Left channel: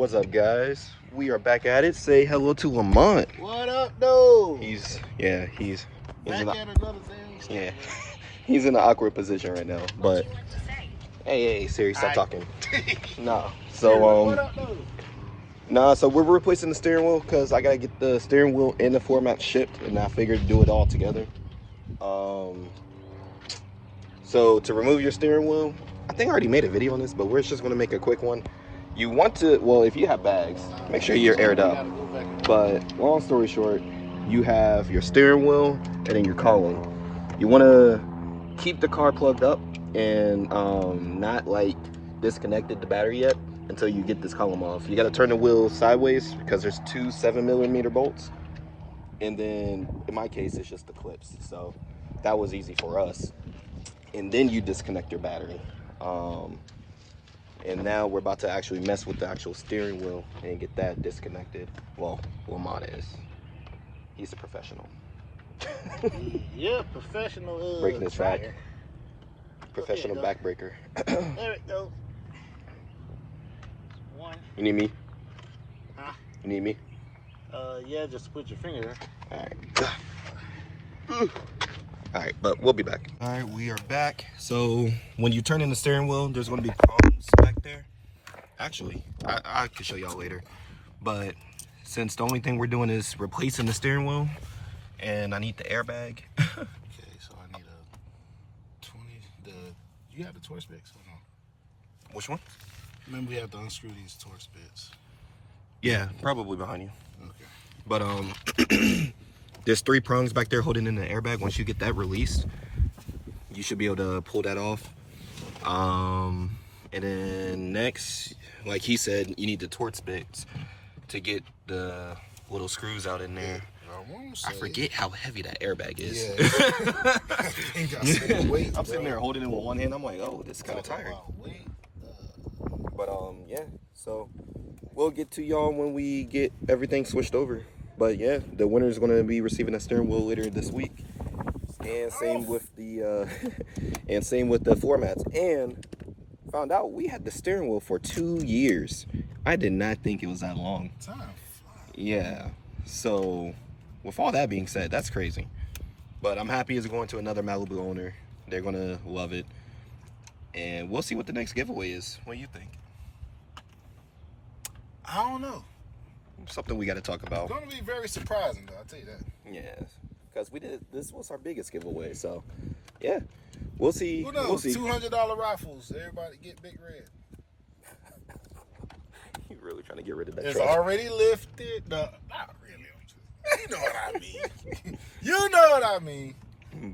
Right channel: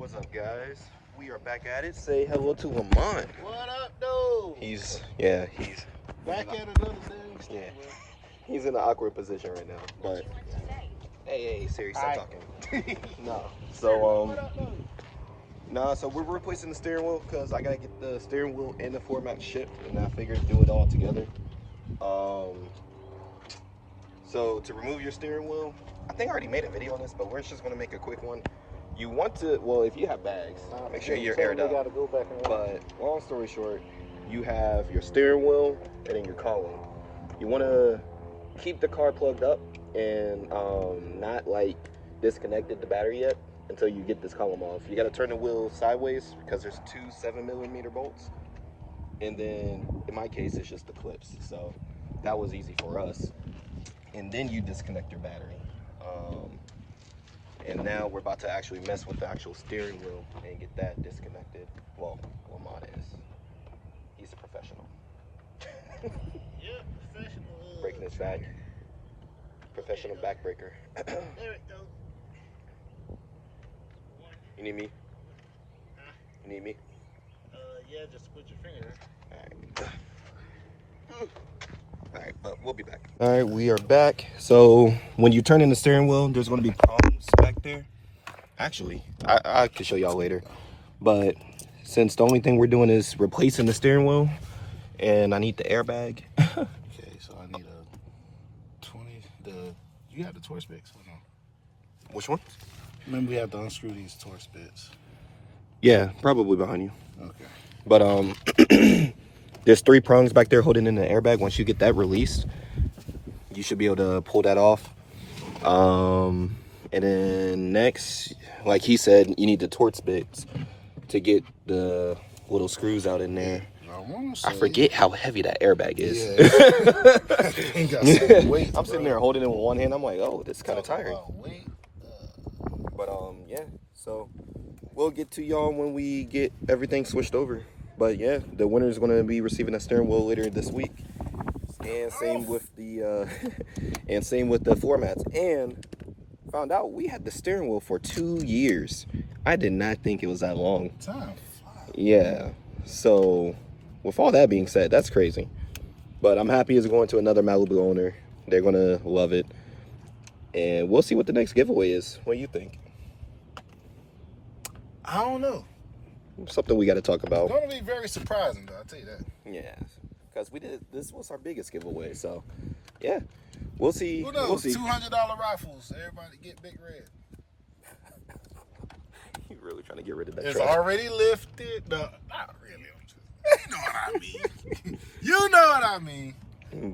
What's up, guys? We are back at it. Say hello to Lamont. What up, though? He's back in at another thing. yeah, he's in an awkward position right now. But hey, Siri, stop talking. Nah. So so we're replacing the steering wheel because I gotta get the steering wheel and the floor mat shipped, and I figured do it all together. So to remove your steering wheel, I think I already made a video on this, but we're just gonna make a quick one. You want to, well, if you have bags, make sure you're aired up. But long story short, you have your steering wheel and then your column. You want to keep the car plugged up and not like disconnected the battery yet until you get this column off. You got to turn the wheel sideways because there's two 7mm bolts, and then in my case it's just the clips, so that was easy for us. And then you disconnect your battery. And now we're about to actually mess with the actual steering wheel and get that disconnected. Well, Lamont is. He's a professional. Yeah, professional. Breaking his back. Professional backbreaker. There it goes. One. You need me? Huh? You need me? Yeah, just put your finger there. All right. All right, but we'll be back. All right, we are back. So when you turn in the steering wheel, there's going to be prongs back there. Actually, I can show y'all later. But since the only thing we're doing is replacing the steering wheel, and I need the airbag. Okay, so I need a 20. You have the Torx bits? Hold on. Which one? Remember, we have to unscrew these Torx bits. Yeah, probably behind you. Okay. But there's 3 prongs back there holding in the airbag. Once you get that released, you should be able to pull that off. And then next, like he said, you need the Torx bits to get the little screws out in there. I forget how heavy that airbag is. Weight, I'm sitting there holding it with one hand. I'm like, oh, this is kind of tiring. But yeah, so we'll get to y'all when we get everything switched over. But yeah, the winner is going to be receiving a steering wheel later this week, and same with the floor mats. And found out we had the steering wheel for 2 years. I did not think it was that long. Time. Yeah. So with all that being said, that's crazy. But I'm happy it's going to another Malibu owner. They're going to love it. And we'll see what the next giveaway is. What do you think? I don't know. Something we got to talk about. It's going to be very surprising, though. I'll tell you that. Yeah. Because this was our biggest giveaway. So, yeah. We'll see. Who knows? We'll see. $200 rifles. Everybody get Big Red. You really trying to get rid of that It's truck. already lifted. No, not really. You know what I mean. You know what I mean.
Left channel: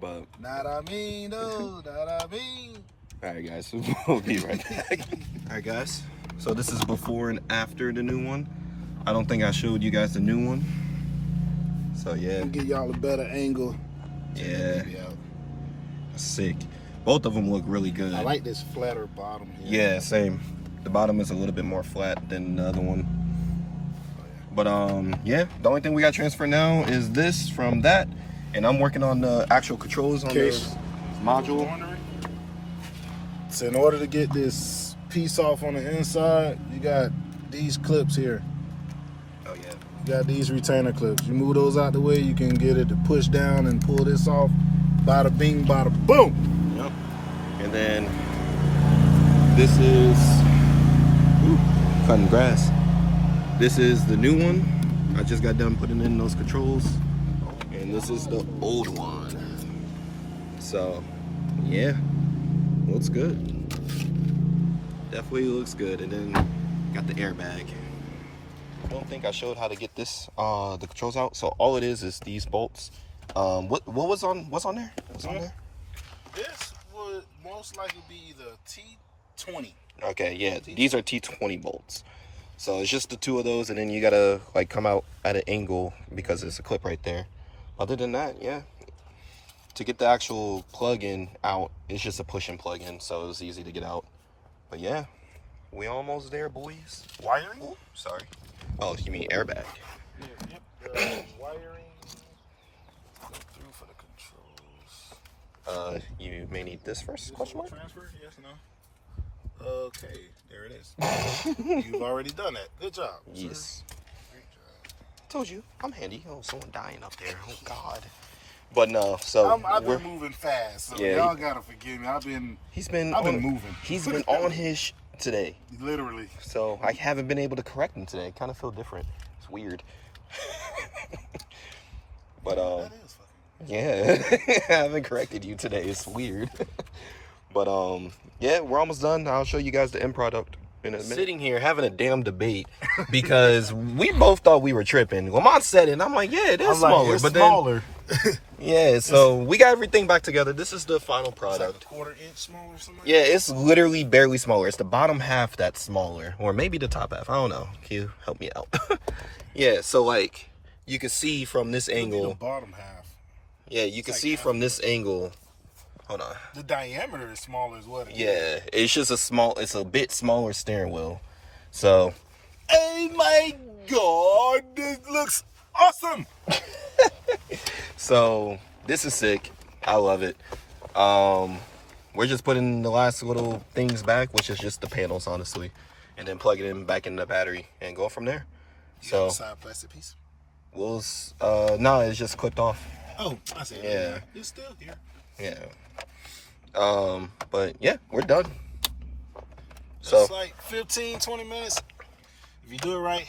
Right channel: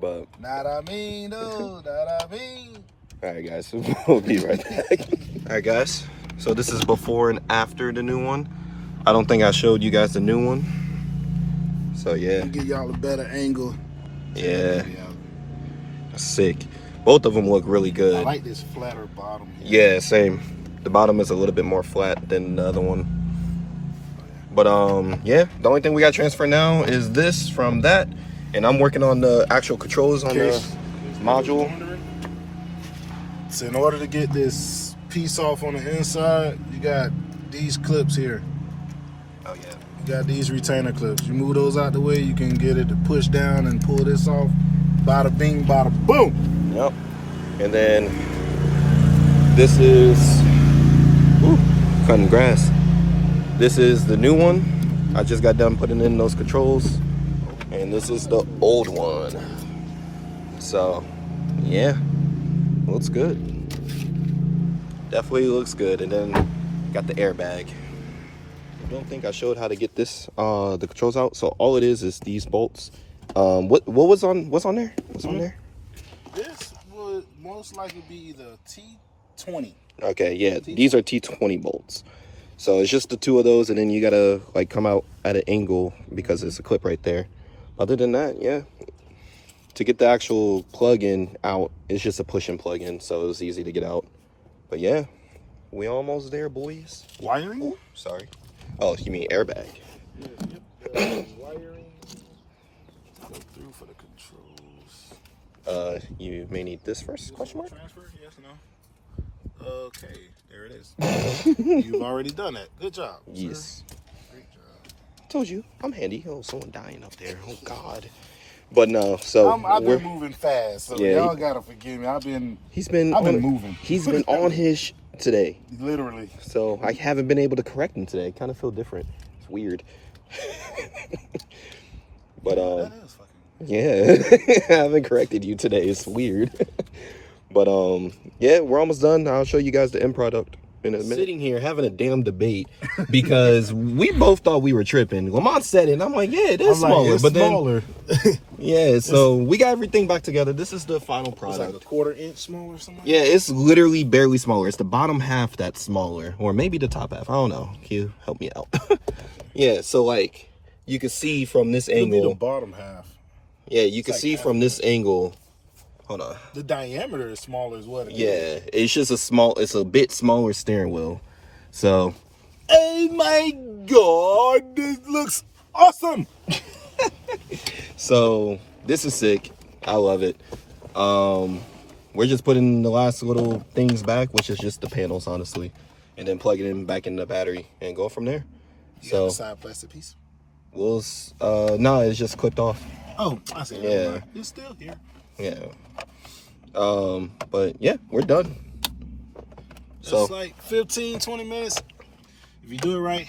But Not I mean, no, not I mean. all right, guys. We'll be right back. All right, guys. So this is before and after the new one. I don't think I showed you guys the new one. So yeah. I'll give y'all a better angle. Yeah. Sick. Both of them look really good. I like this flatter bottom. Yeah, same. The bottom is a little bit more flat than the other one. But yeah, the only thing we got transferred now is this from that, and I'm working on the actual controls on the module. So in order to get this piece off on the inside, you got these clips here. Oh yeah. You got these retainer clips. You move those out the way, you can get it to push down and pull this off. Bada bing, bada boom. Yep. And then this is cutting grass. This is the new one. I just got done putting in those controls, and this is the old one. So yeah, looks good. Definitely looks good. And then got the airbag. I don't think I showed how to get this the controls out. So all it is these bolts. What's on there? What's on there? This would most likely be the T20. Okay, yeah, these are T20 bolts. So it's just the 2 of those, and then you gotta like come out at an angle because there's a clip right there. Other than that, yeah. To get the actual plug-in out, it's just a push and plug in, so it's easy to get out. But yeah, we almost there, boys. Wiring? Ooh, sorry. Oh, you mean airbag? Yeah, yep. The wiring. Go through for the controls. You may need this first? Question mark? Transfer? Yes, no. Okay, there it is. You've already done that. Good job. Yes. Sir. Great job. Told you, I'm handy. Oh, someone dying up there. Oh God. But no, so I've been moving fast, so yeah, y'all gotta forgive me. I've been moving. He's been on his today. Literally. So I haven't been able to correct him today. Kind of feel different. It's weird. But that is fucking yeah, I haven't corrected you today. It's weird. But yeah, we're almost done. I'll show you guys the end product in a minute. Sitting here having a damn debate because we both thought we were tripping. Lamont said it, and I'm like, yeah, it is smaller. It's but smaller. Then, yeah, so we got everything back together. This is the final product. It's like a 1/4 inch smaller or something. Yeah, it's literally barely smaller. It's the bottom half that's smaller, or maybe the top half. I don't know. Q, help me out. Yeah, so like you can see from this angle. It'll be the bottom half. Yeah, you can see from this angle. Hold on. The diameter is smaller as what it is. Yeah, it's just it's a bit smaller steering wheel. So, oh my God, this looks awesome. So this is sick. I love it. We're just putting the last little things back, which is just the panels, honestly, and then plug it in back in the battery and go from there. So, side plastic piece. We'll no, it's just clipped off. Oh, I see. Yeah, it's still here. Yeah. But yeah, we're done. Just like 15-20 minutes if you do it right.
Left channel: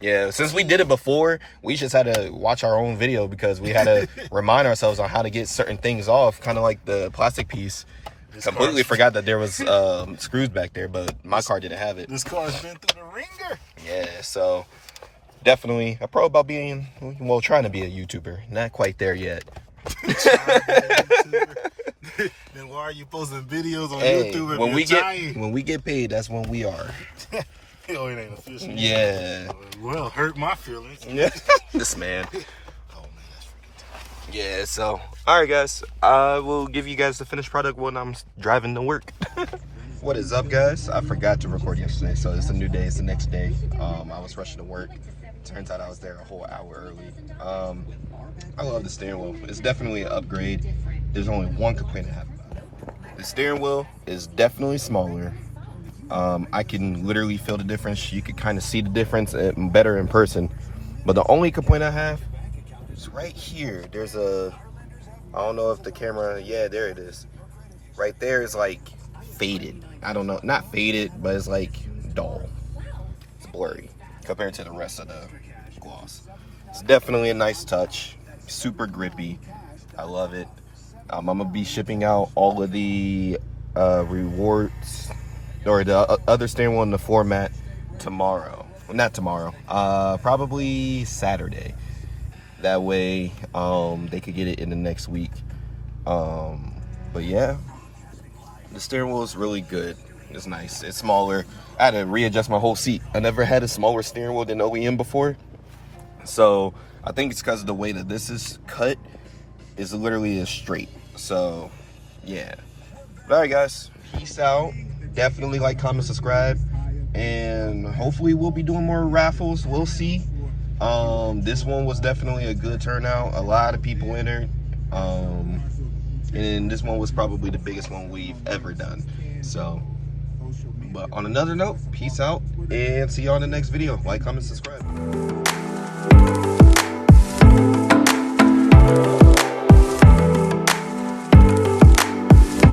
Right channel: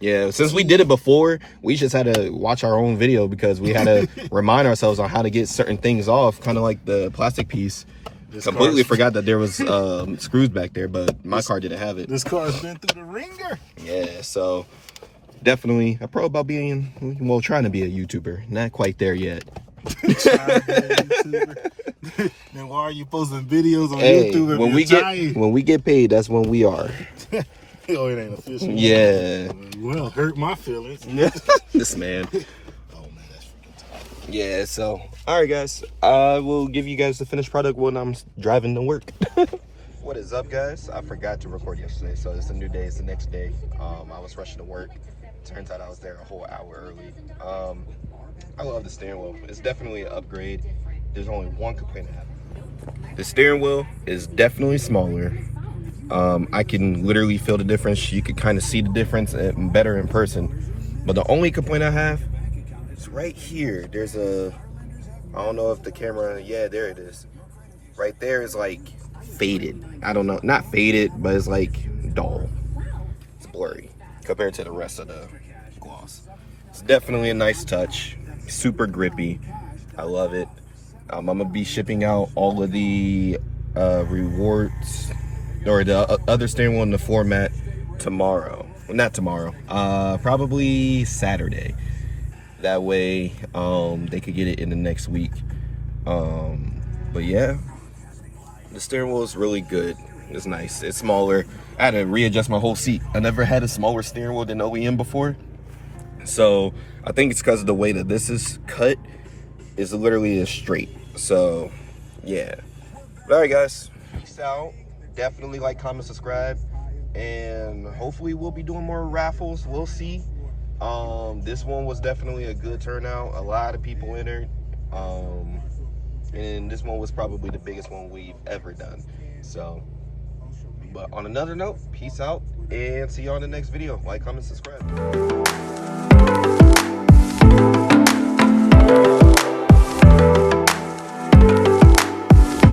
Yeah, since we did it before, we just had to watch our own video because we had to remind ourselves on how to get certain things off, kind of like the plastic piece. Completely forgot that there was screws back there, but my car didn't have it. This car's been through the ringer. Yeah, so definitely a pro about being, well, trying to be a YouTuber. Not quite there yet. Then why are you posting videos on hey, YouTube? When we get paid, that's when we are. Oh, it ain't official. Yeah. Well, hurt my feelings. This man. Oh man, that's freaking tough. Yeah. So, all right, guys. I will give you guys the finished product when I'm driving to work. What is up, guys? I forgot to record yesterday, so it's a new day. It's the next day. I was rushing to work. Turns out I was there a whole hour early. I love the steering wheel. It's definitely an upgrade. There's only one complaint I have. The steering wheel is definitely smaller. I can literally feel the difference. You could kind of see the difference better in person. But the only complaint I have is right here. There's I don't know if the camera, yeah, there it is. Right there is like faded. I don't know, not faded, but it's like dull. It's blurry compared to the rest of the gloss. It's definitely a nice touch. Super grippy. I love it. I'm gonna be shipping out all of the rewards or the other steering wheel in the format tomorrow. Well, not tomorrow. Probably Saturday. That way, they could get it in the next week. But yeah, the steering wheel is really good. It's nice. It's smaller. I had to readjust my whole seat. I never had a smaller steering wheel than OEM before. So I think it's because of the way that this is cut is literally straight. So yeah. But all right, guys. Peace out. Definitely like, comment, subscribe, and hopefully we'll be doing more raffles. We'll see. This one was definitely a good turnout. A lot of people entered. And this one was probably the biggest one we've ever done. So, but on another note, peace out and see you on the next video. Like, comment, subscribe.